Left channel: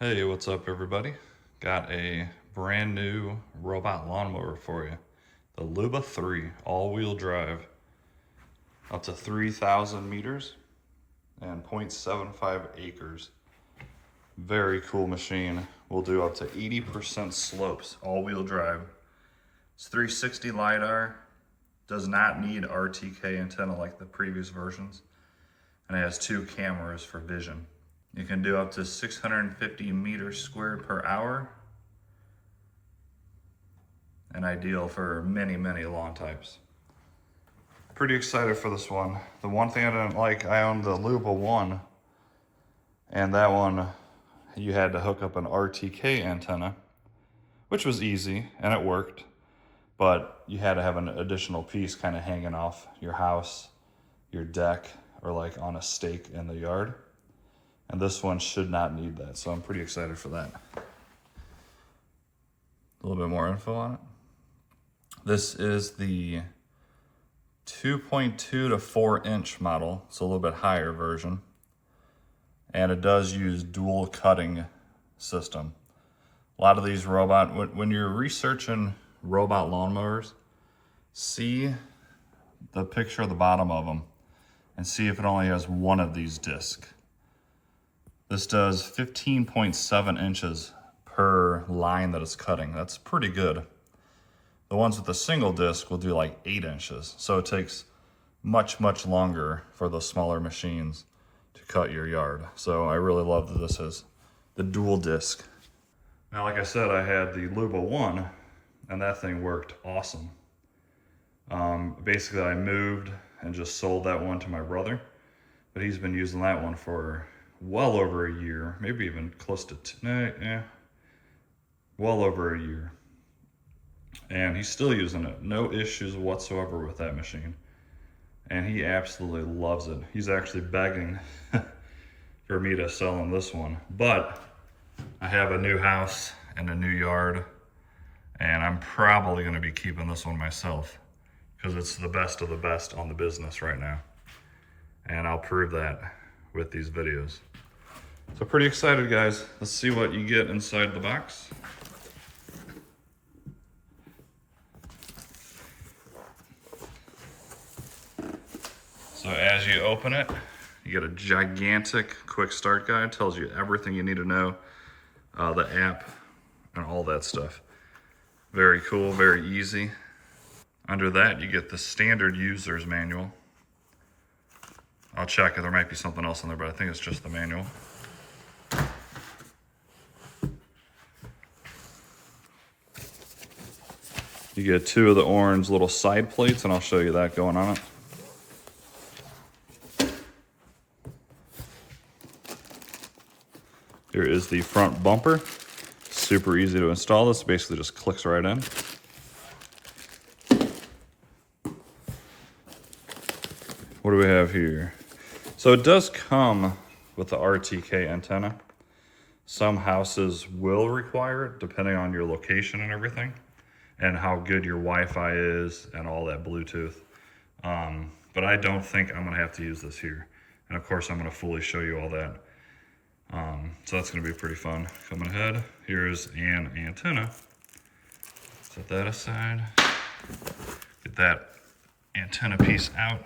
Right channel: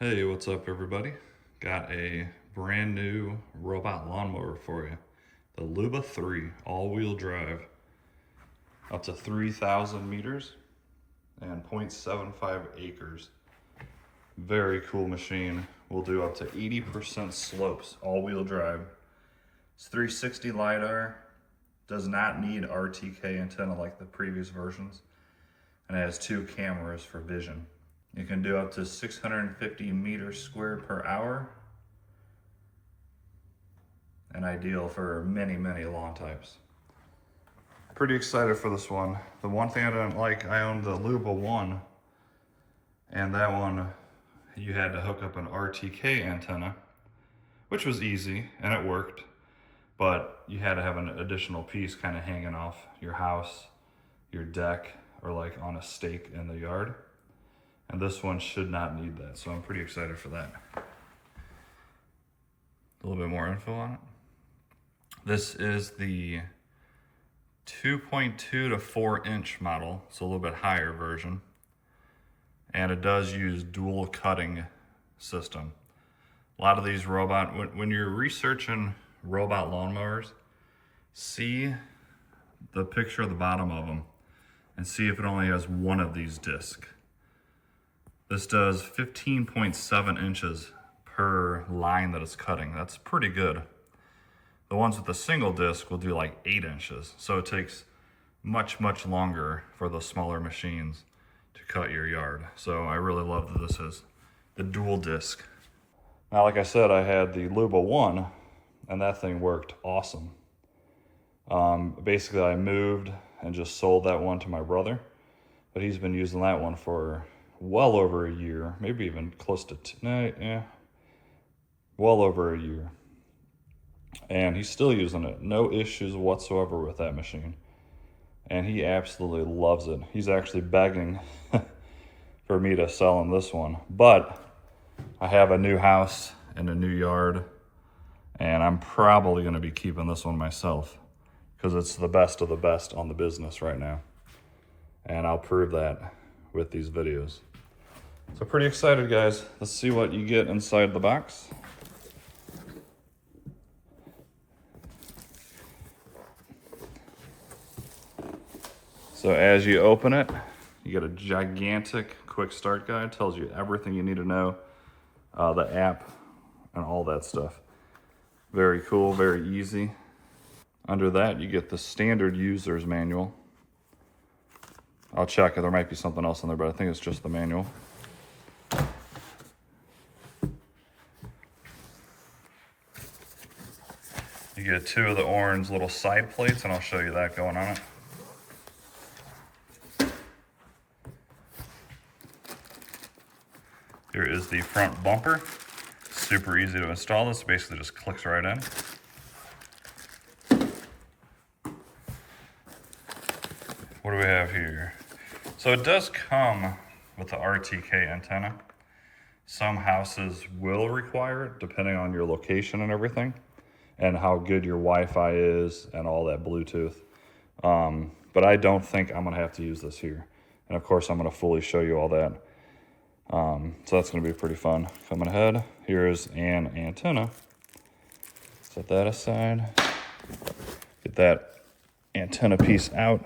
Hey, what's up everybody? Got a brand new robot lawnmower for you. The Luba 3 all-wheel drive, up to 3,000 meters and 0.75 acres. Very cool machine. Will do up to 80% slopes, all-wheel drive. It's 360 LiDAR, does not need RTK antenna like the previous versions, and it has 2 cameras for vision. You can do up to 650 meters squared per hour, and ideal for many lawn types. Pretty excited for this one. The one thing I didn't like, I owned the Luba 1, and that one you had to hook up an RTK antenna, which was easy and it worked, but you had to have an additional piece kind of hanging off your house, your deck, or like on a stake in the yard. And this one should not need that, so I'm pretty excited for that. A little bit more info on it. This is the 2.2 to 4 inch model, so a little bit higher version. And it does use dual cutting system. A lot of these when you're researching robot lawnmowers, see the picture of the bottom of them and see if it only has one of these discs. This does 15.7 inches per line that it's cutting. That's pretty good. The ones with the single disc will do like 8 inches. So it takes much longer for the smaller machines to cut your yard. So I really love that this is the dual disc. Now, like I said, I had the Luba 1 and that thing worked awesome. Basically I moved and just sold that one to my brother, but he's been using that one for well over a year, maybe even close to well over a year. And he's still using it. No issues whatsoever with that machine. And he absolutely loves it. He's actually begging for me to sell him this one. But I have a new house and a new yard, and I'm probably gonna be keeping this one myself because it's the best of the best on the business right now. And I'll prove that with these videos. So pretty excited, guys. Let's see what you get inside the box. So as you open it, you get a gigantic quick start guide. Tells you everything you need to know, the app and all that stuff. Very cool, very easy. Under that, you get the standard user's manual. I'll check it, there might be something else in there, but I think it's just the manual. You get 2 of the orange little side plates, and I'll show you that going on it. Here is the front bumper. Super easy to install. This basically just clicks right in. What do we have here? So it does come with the RTK antenna. Some houses will require it depending on your location and everything, and how good your Wi-Fi is and all that Bluetooth. But I don't think I'm gonna have to use this here. And of course I'm gonna fully show you all that. So that's gonna be pretty fun. Coming ahead, here's an antenna. Set that aside. Get that antenna piece out.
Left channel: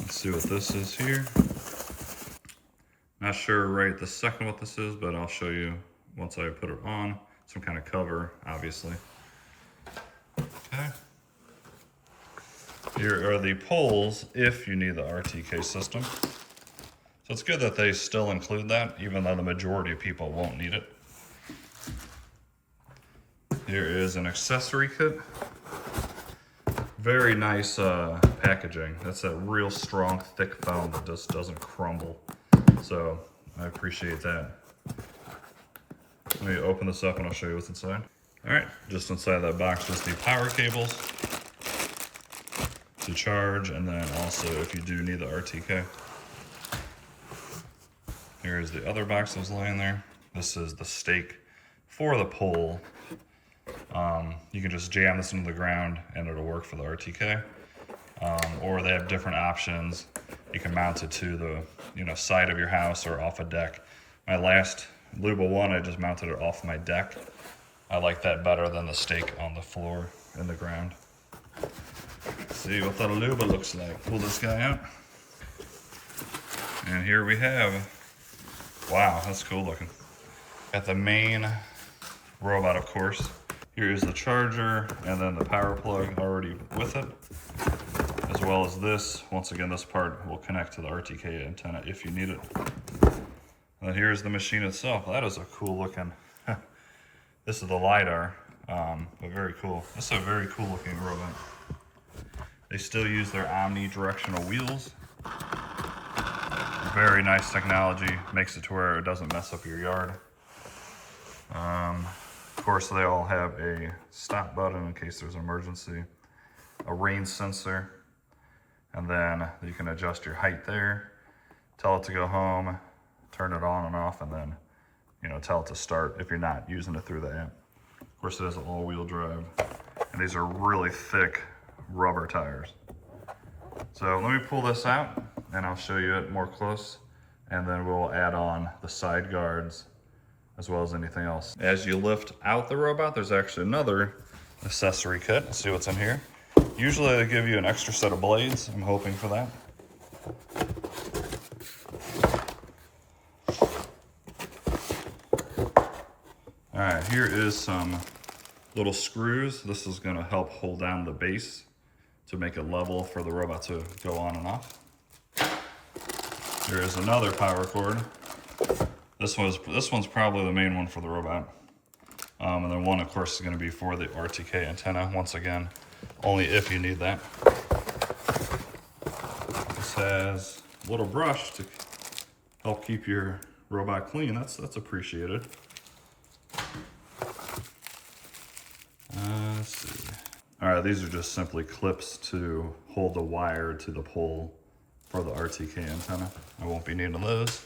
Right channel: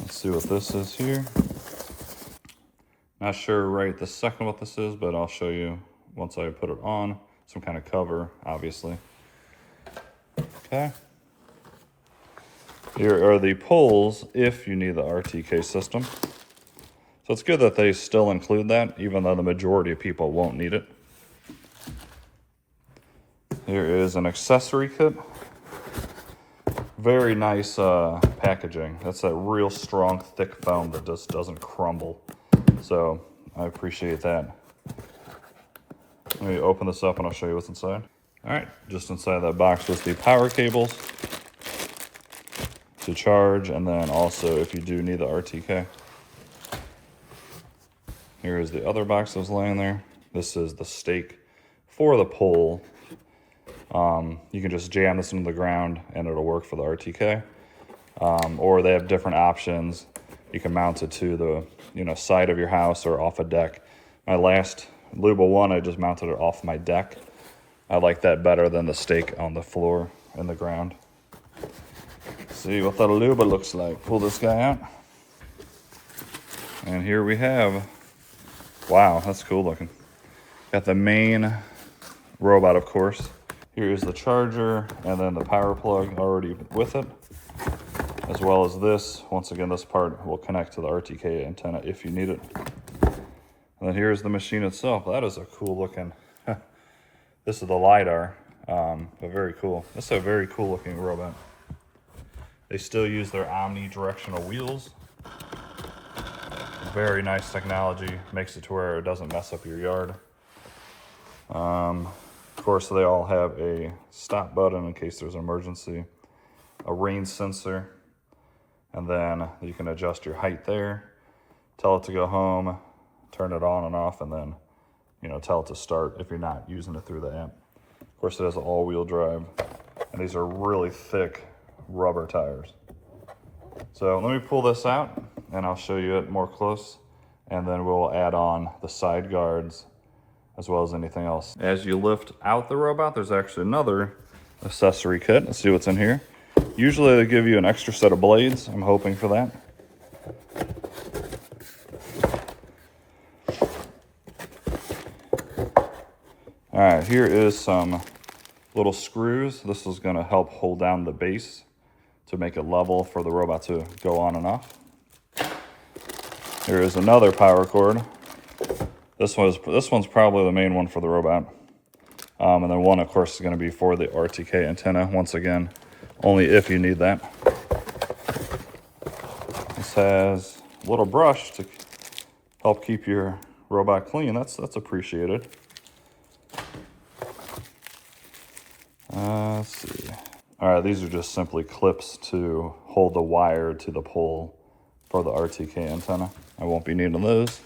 Let's see what this is here. Not sure right this second what this is, but I'll show you once I put it on. Some kind of cover, obviously. Okay. Here are the poles if you need the RTK system. So it's good that they still include that, even though the majority of people won't need it. Here is an accessory kit. Very nice packaging. That's a real strong, thick foam that just doesn't crumble. So I appreciate that. Let me open this up and I'll show you what's inside. All right, just inside that box is the power cables to charge, and then also if you do need the RTK. Here is the other box that was laying there. This is the stake for the pole. You can just jam this into the ground and it'll work for the RTK. Or they have different options you can mount it to the side of your house or off a deck. My last Luba one, I just mounted it off my deck. I like that better than the stake on the floor in the ground. See what the Luba looks like. Pull this guy out. And here we have, wow, that's cool looking. Got the main robot, of course. Here is the charger and then the power plug already with it, as well as this. Once again, this part will connect to the RTK antenna if you need it. And then here's the machine itself. That is a cool looking, this is the LiDAR, but very cool. This is a very cool looking robot. They still use their omnidirectional wheels. Very nice technology, makes it to where it doesn't mess up your yard. Of course, they all have a stop button in case there's an emergency, a rain sensor, and then you can adjust your height there, tell it to go home, turn it on and off, and then tell it to start if you're not using it through the app. Of course, it has all-wheel drive, and these are really thick rubber tires. So let me pull this out and I'll show you it more close, and then we'll add on the side guards as well as anything else. As you lift out the robot, there's actually another accessory kit. Let's see what's in here. Usually they give you an extra set of blades. I'm hoping for that. All right, here is some little screws. This is gonna help hold down the base to make it level for the robot to go on and off. Here is another power cord. This one's probably the main one for the robot. And then one, of course, is gonna be for the RTK antenna. Once again, only if you need that. This has a little brush to help keep your robot clean. That's appreciated. Let's see. All right, these are just simply clips to hold the wire to the pole for the RTK antenna. I won't be needing those.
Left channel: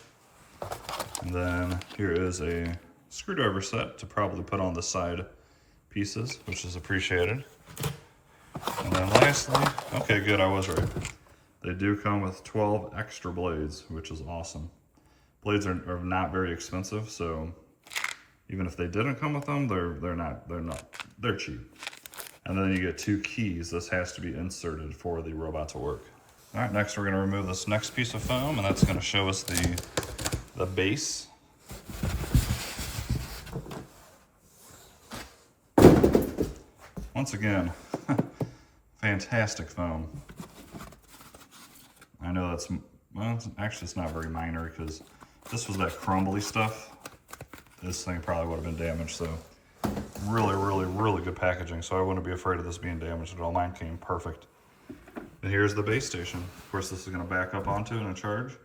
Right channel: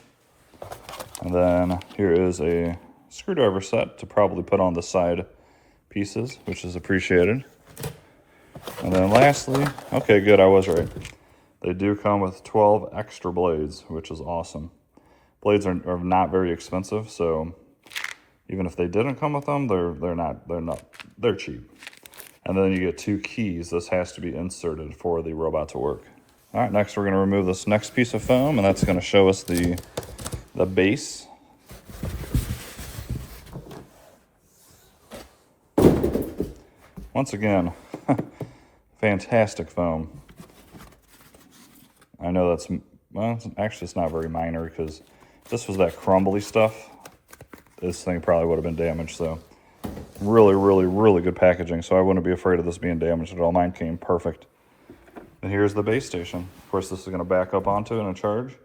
And then here is a screwdriver set to probably put on the side pieces, which is appreciated. And then lastly, okay, good, I was right. They do come with 12 extra blades, which is awesome. Blades are not very expensive, so even if they didn't come with them, they're cheap. And then you get 2 keys. This has to be inserted for the robot to work. All right, next we're gonna remove this next piece of foam, and that's gonna show us the base. Once again, fantastic foam. I know that's, well, actually it's not very minor because this was that crumbly stuff. This thing probably would have been damaged, so really, really, really good packaging. So I wouldn't be afraid of this being damaged at all. Mine came perfect. And here's the base station. Of course, this is gonna back up onto it and charge.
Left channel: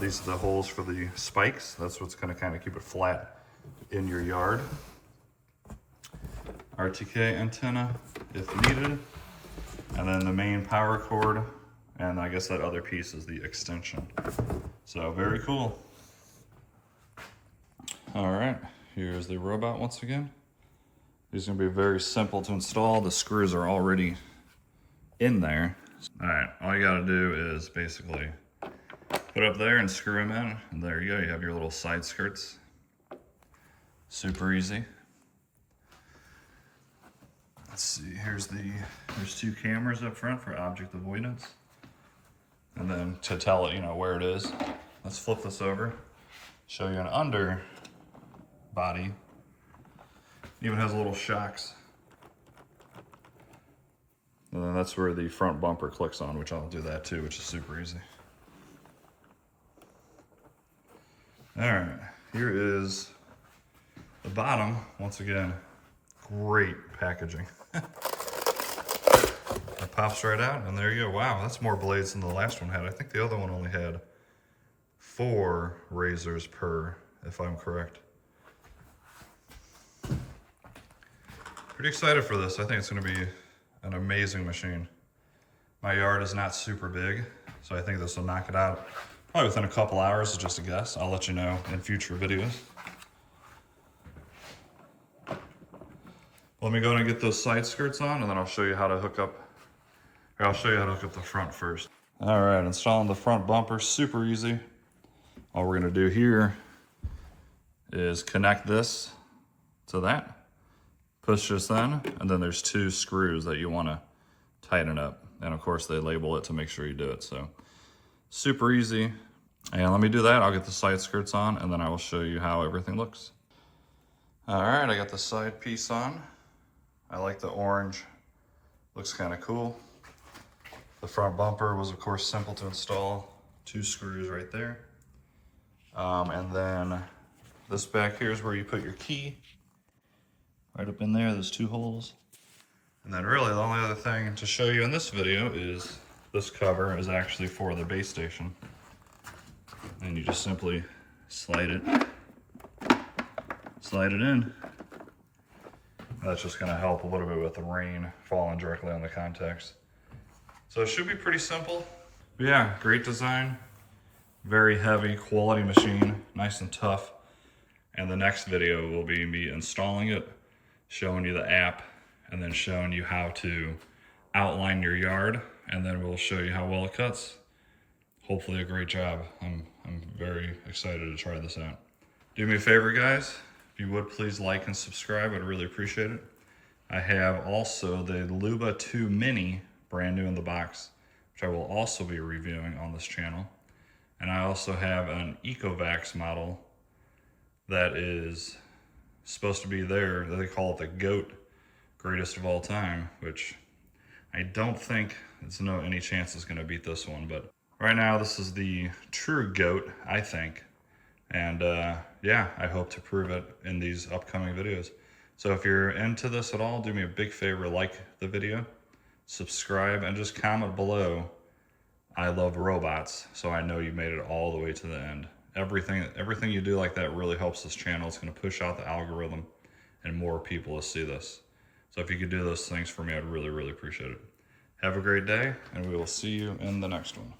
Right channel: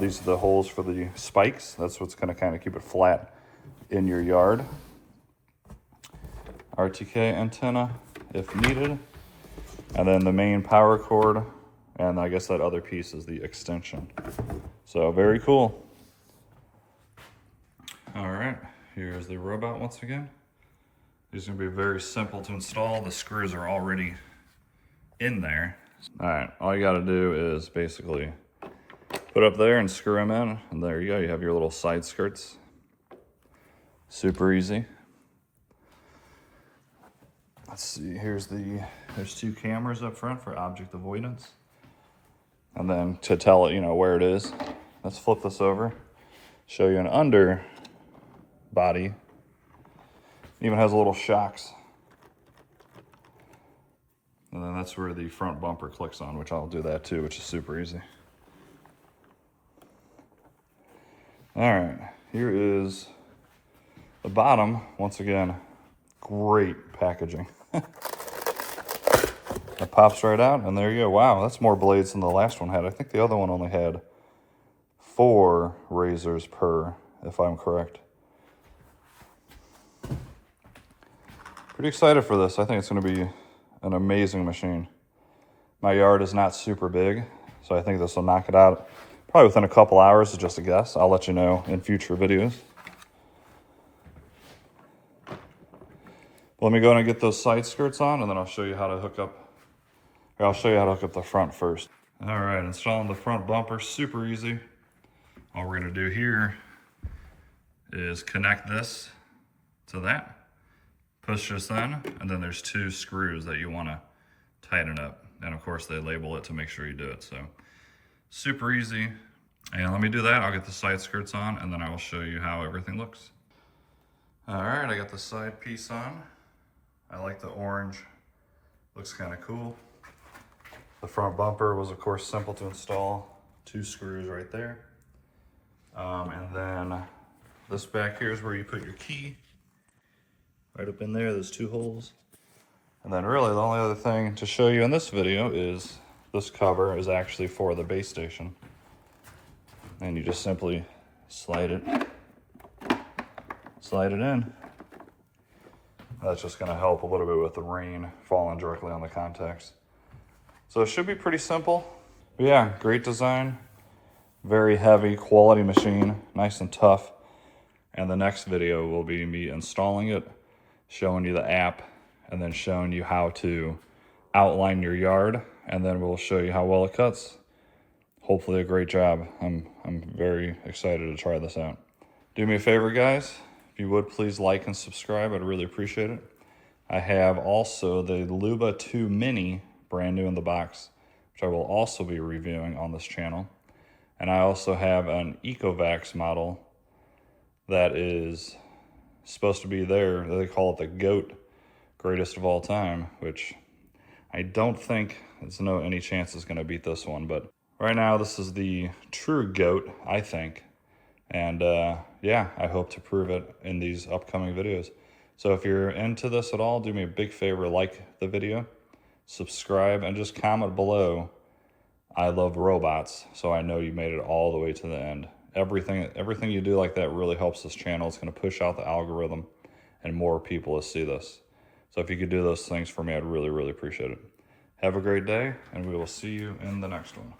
These are the holes for the spikes. That's what's gonna kind of keep it flat in your yard. RTK antenna, if needed. And then the main power cord. And I guess that other piece is the extension. So very cool. All right, here's the robot once again. These are gonna be very simple to install. The screws are already in there. All right, all you gotta do is basically put up there and screw them in, and there you go. You have your little side skirts. Super easy. Let's see, there's 2 cameras up front for object avoidance. And then to tell it, where it is. Let's flip this over, show you an under body. Even has little shocks. And then that's where the front bumper clicks on, which I'll do that too, which is super easy. All right, here is the bottom. Once again, great packaging. It pops right out, and there you go. Wow, that's more blades than the last one had. I think the other one only had 4 razors per, if I'm correct. Pretty excited for this. I think it's gonna be an amazing machine. My yard is not super big, so I think this will knock it out probably within a couple hours, is just a guess. I'll let you know in future videos. Let me go in and get those side skirts on, and then I'll show you how to hook up, or I'll show you how to hook up the front first. All right, installing the front bumper, super easy. All we're gonna do here is connect this to that, push this in, and then there's 2 screws that you wanna tighten up. And of course they label it to make sure you do it, so super easy. And let me do that, I'll get the side skirts on, and then I will show you how everything looks. All right, I got the side piece on. I like the orange, looks kind of cool. The front bumper was of course simple to install, 2 screws right there. And then this back here is where you put your key. Right up in there, there's 2 holes. And then really the only other thing to show you in this video is this cover is actually for the base station. And you just simply slide it in. That's just gonna help a little bit with the rain falling directly on the contacts. So it should be pretty simple. But yeah, great design. Very heavy, quality machine, nice and tough. And the next video will be me installing it, showing you the app, and then showing you how to outline your yard, and then we'll show you how well it cuts. Hopefully a great job. I'm very excited to try this out. Do me a favor, guys. If you would, please like and subscribe. I'd really appreciate it. I have also the Luba 2 Mini, brand new in the box, which I will also be reviewing on this channel. And I also have an Ecovacs model that is supposed to be there. They call it the GOAT, greatest of all time, which I don't think there's any chance it's gonna beat this one. But right now, this is the true GOAT, I think. And yeah, I hope to prove it in these upcoming videos. So if you're into this at all, do me a big favor, like the video, subscribe, and just comment below, I love robots, so I know you made it all the way to the end. Everything you do like that really helps this channel. It's gonna push out the algorithm and more people will see this. So if you could do those things for me, I'd really, really appreciate it. Have a great day, and we will see you in the next one.